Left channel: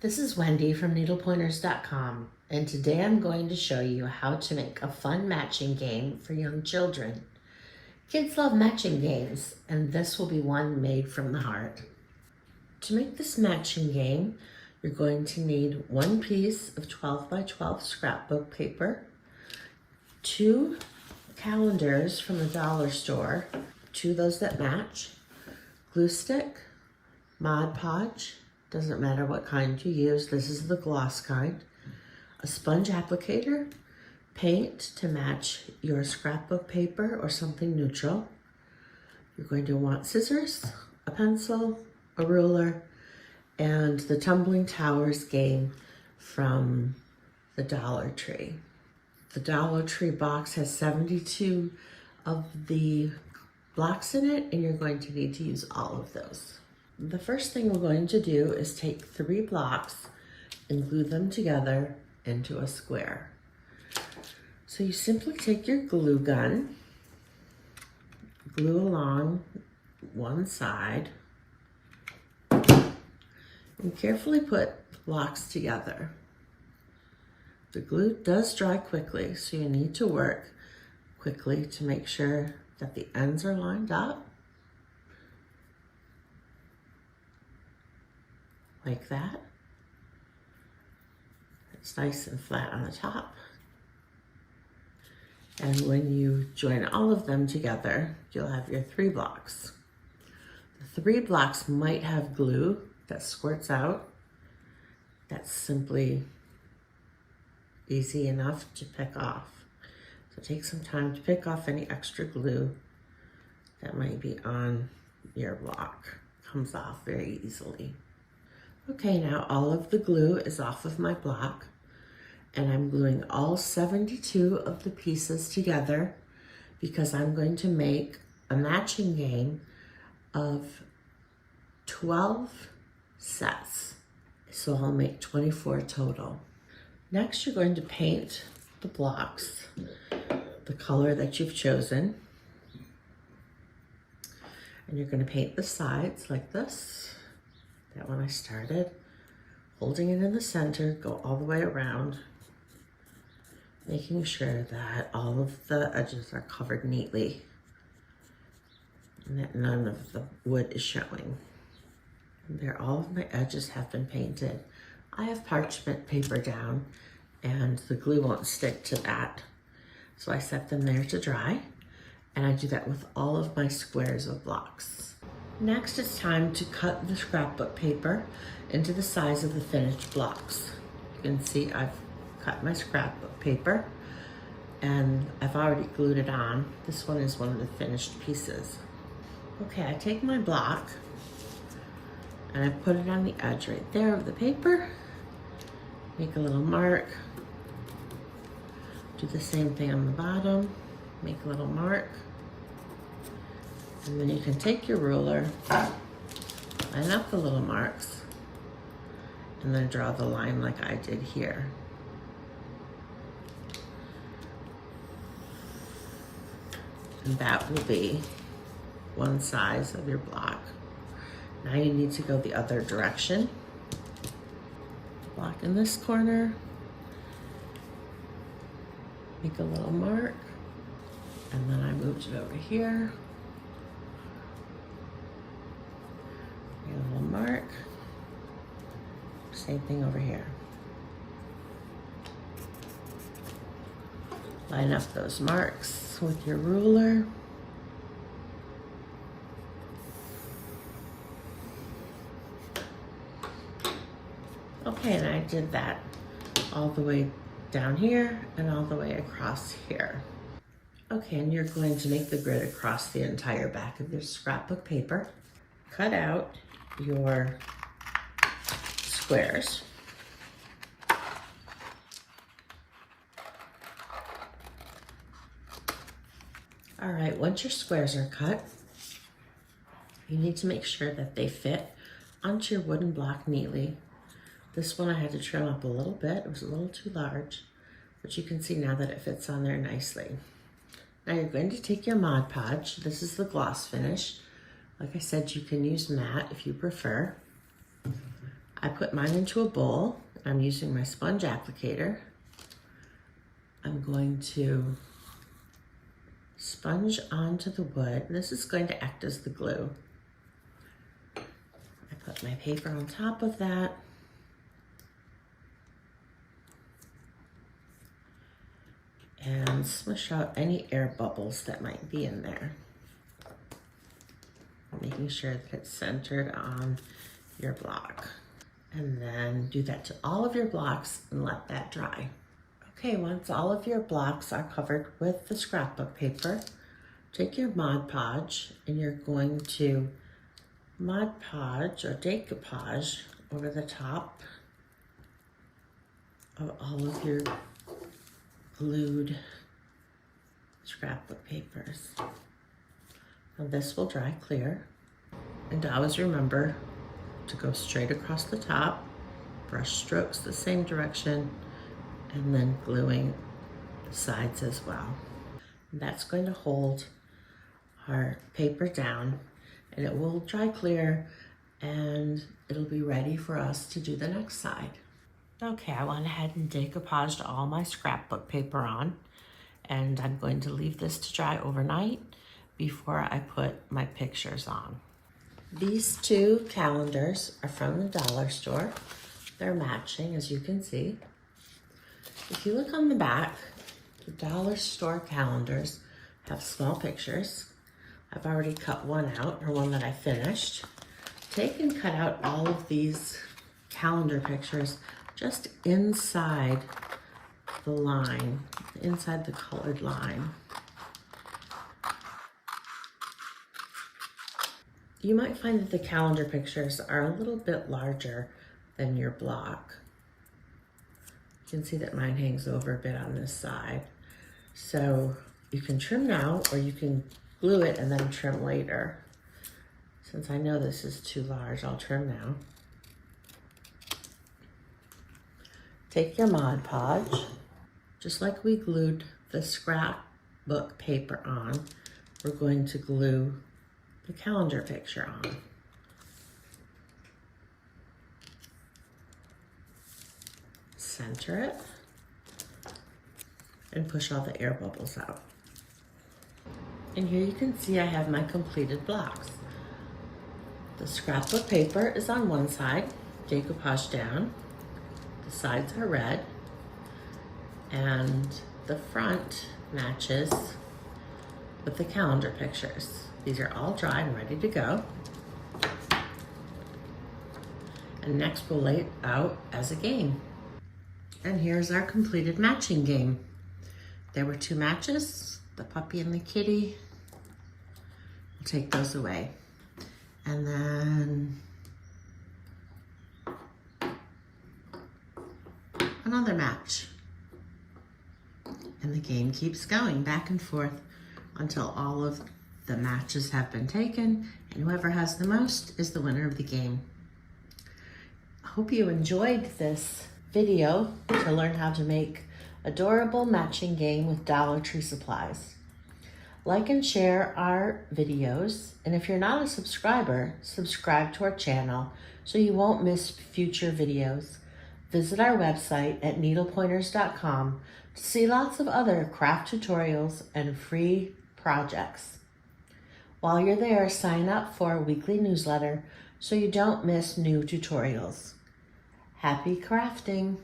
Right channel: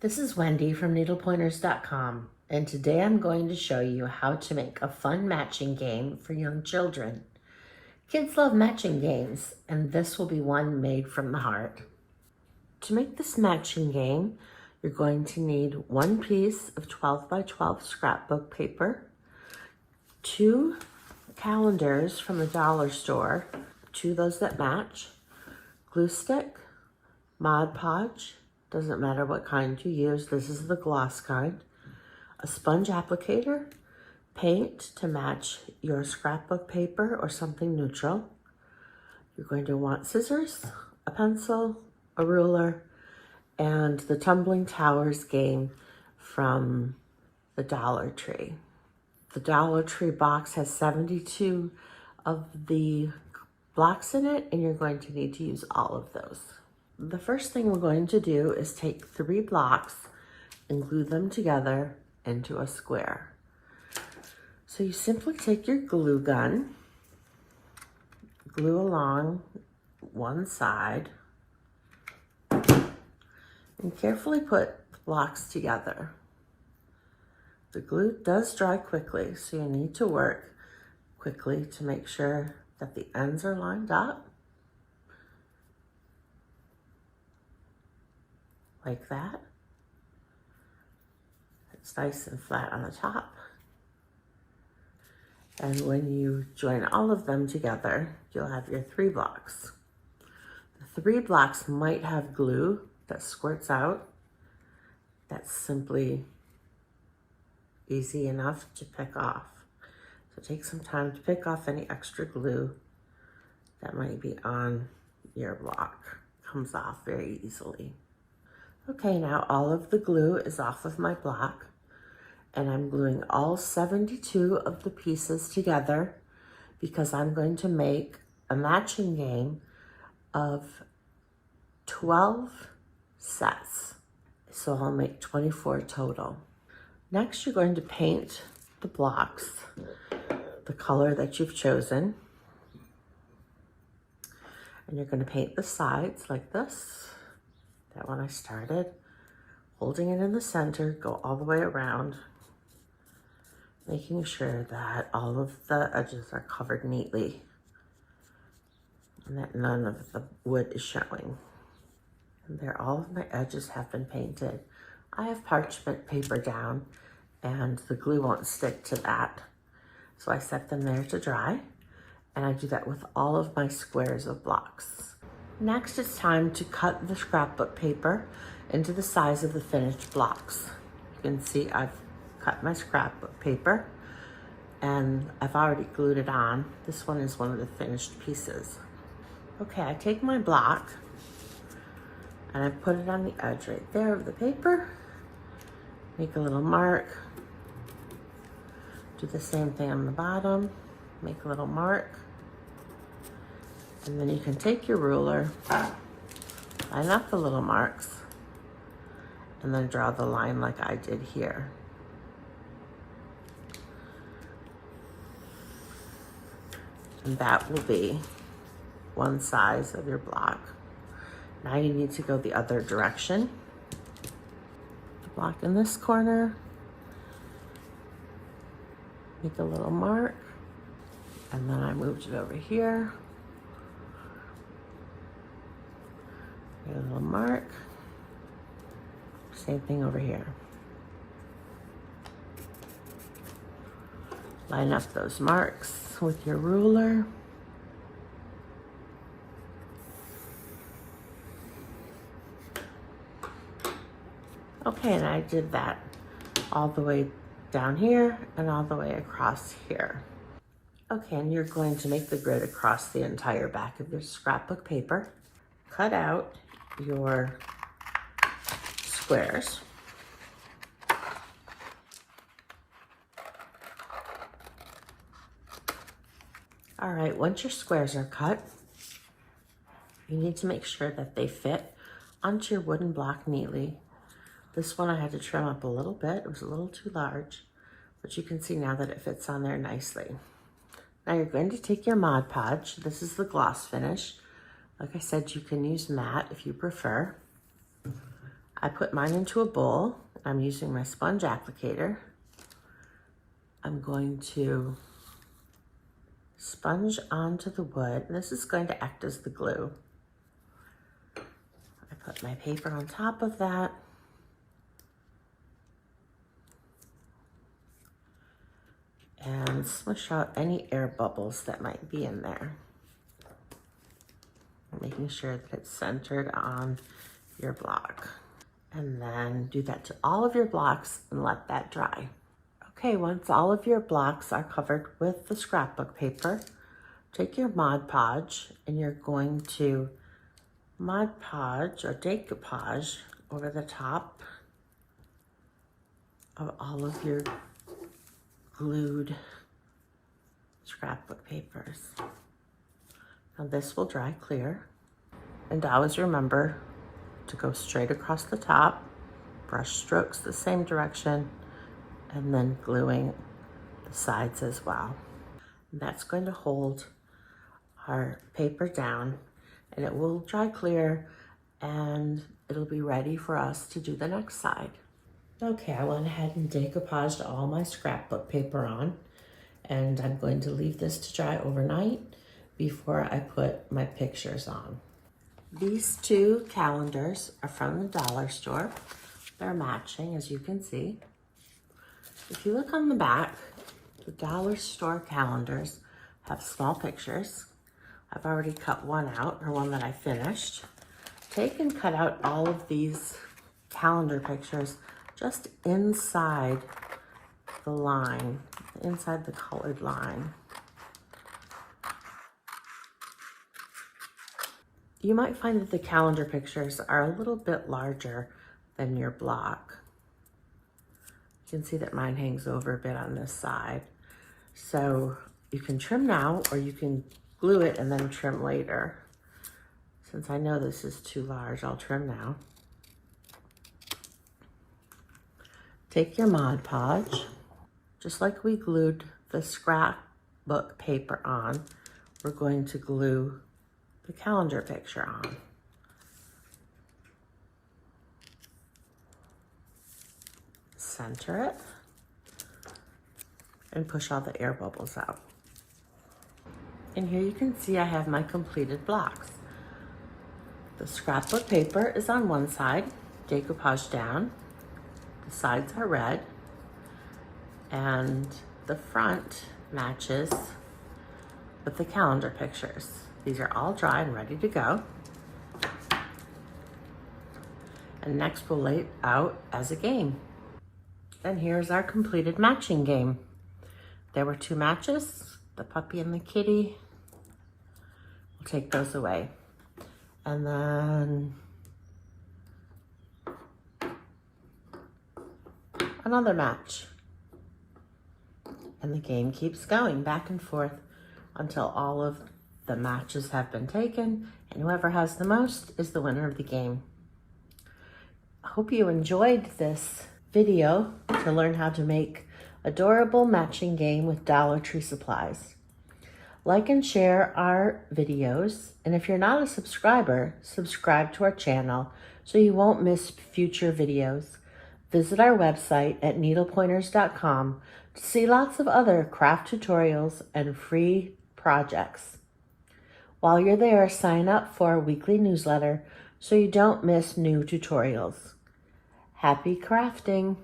This is Wendy from needlepointers.com, and today I'm going to show you how to make a fun matching game for young children. Kids love matching games, and this will be one made from the heart. To make this matching game, you're going to need one piece of 12 by 12 scrapbook paper, 2 calendars from the dollar store, 2 of those that match, glue stick, Mod Podge, doesn't matter what kind you use, this is the gloss kind, a sponge applicator, paint to match your scrapbook paper or something neutral. You're going to want scissors, a pencil, a ruler, and the Tumbling Towers Game from the Dollar Tree. The Dollar Tree box has 72 of the blocks in it, and you're going to need to use all of those. The first thing we're going to do is take 3 blocks and glue them together into a square. So you simply take your glue gun, glue along one side, and carefully put the blocks together. The glue does dry quickly, so you need to work quickly to make sure that the ends are lined up. Like that. It's nice and flat on the top. And when you join all of them together, you'll have your 3 blocks. The 3 blocks might have glue that squirts out. That's simply easy enough to pick off. So take some time to pick off any extra glue that might be on your block. Comes off very easily. Okay, now all of the glue is off of my block, and I'm gluing all 72 of the pieces together because I'm going to make a matching game of 12 sets. So I'll make 24 total. Next, you're going to paint the blocks the color that you've chosen. And you're going to paint the sides like this. That one I started, holding it in the center, go all the way around, making sure that all of the edges are covered neatly and that none of the wood is showing. And there, all of my edges have been painted. I have parchment paper down and the glue won't stick to that. So I set them there to dry, and I do that with all of my squares of blocks. Next, it's time to cut the scrapbook paper into the size of the finished blocks. You can see I've cut my scrapbook paper and I've already glued it on. This one is one of the finished pieces. Okay, I take my block and I put it on the edge right there of the paper, make a little mark, do the same thing on the bottom, make a little mark. And then you can take your ruler, line up the little marks, and then draw the line like I did here. And that will be one size of your block. Now you need to go the other direction. The block in this corner, make a little mark, and then I moved it over here. A little mark, same thing over here. Line up those marks with your ruler. Okay, and I did that all the way down here and all the way across here. Okay, and you're going to make the grid across the entire back of your scrapbook paper. Cut out your squares. All right, once your squares are cut, you need to make sure that they fit onto your wooden block neatly. This one I had to trim up a little bit. It was a little too large, but you can see now that it fits on there nicely. Now you're going to take your Mod Podge. This is the gloss finish. Like I said, you can use matte if you prefer. I put mine into a bowl. I'm using my sponge applicator. I'm going to sponge onto the wood. This is going to act as the glue. I put my paper on top of that. And smush out any air bubbles that might be in there. Making sure that it's centered on your block. And then do that to all of your blocks and let that dry. Okay, once all of your blocks are covered with the scrapbook paper, take your Mod Podge and you're going to Mod Podge or decoupage over the top of all of your glued scrapbook papers. Now this will dry clear. And always remember to go straight across the top, brush strokes the same direction, and then gluing the sides as well. And that's going to hold our paper down, and it will dry clear and it'll be ready for us to do the next side. Okay, I went ahead and decoupaged all my scrapbook paper on, and I'm going to leave this to dry overnight before I put my pictures on. These two calendars are from the dollar store. They're matching, as you can see. If you look on the back, the dollar store calendars have small pictures. I've already cut one out, or one that I finished. Take and cut out all of these calendar pictures just inside the line, inside the colored line. You might find that the calendar pictures are a little bit larger than your block. You can see that mine hangs over a bit on this side. So you can trim now, or you can glue it and then trim later. Since I know this is too large, I'll trim now. Take your Mod Podge, just like we glued the scrapbook paper on, we're going to glue the calendar picture on. Center it and push all the air bubbles out. And here you can see I have my completed blocks. The scrapbook paper is on one side, decoupage down. The sides are red, and the front matches with the calendar pictures. These are all dry and ready to go. And next we'll lay it out as a game. And here's our completed matching game. There were two matches, the puppy and the kitty. We'll take those away. And then another match. And the game keeps going back and forth until all of the matches have been taken, and whoever has the most is the winner of the game. I hope you enjoyed this video to learn how to make adorable matching game with Dollar Tree supplies. Like and share our videos, and if you're not a subscriber, subscribe to our channel so you won't miss future videos. Visit our website at needlepointers.com to see lots of other craft tutorials and free projects. While you're there, sign up for our weekly newsletter so you don't miss new tutorials. Happy crafting!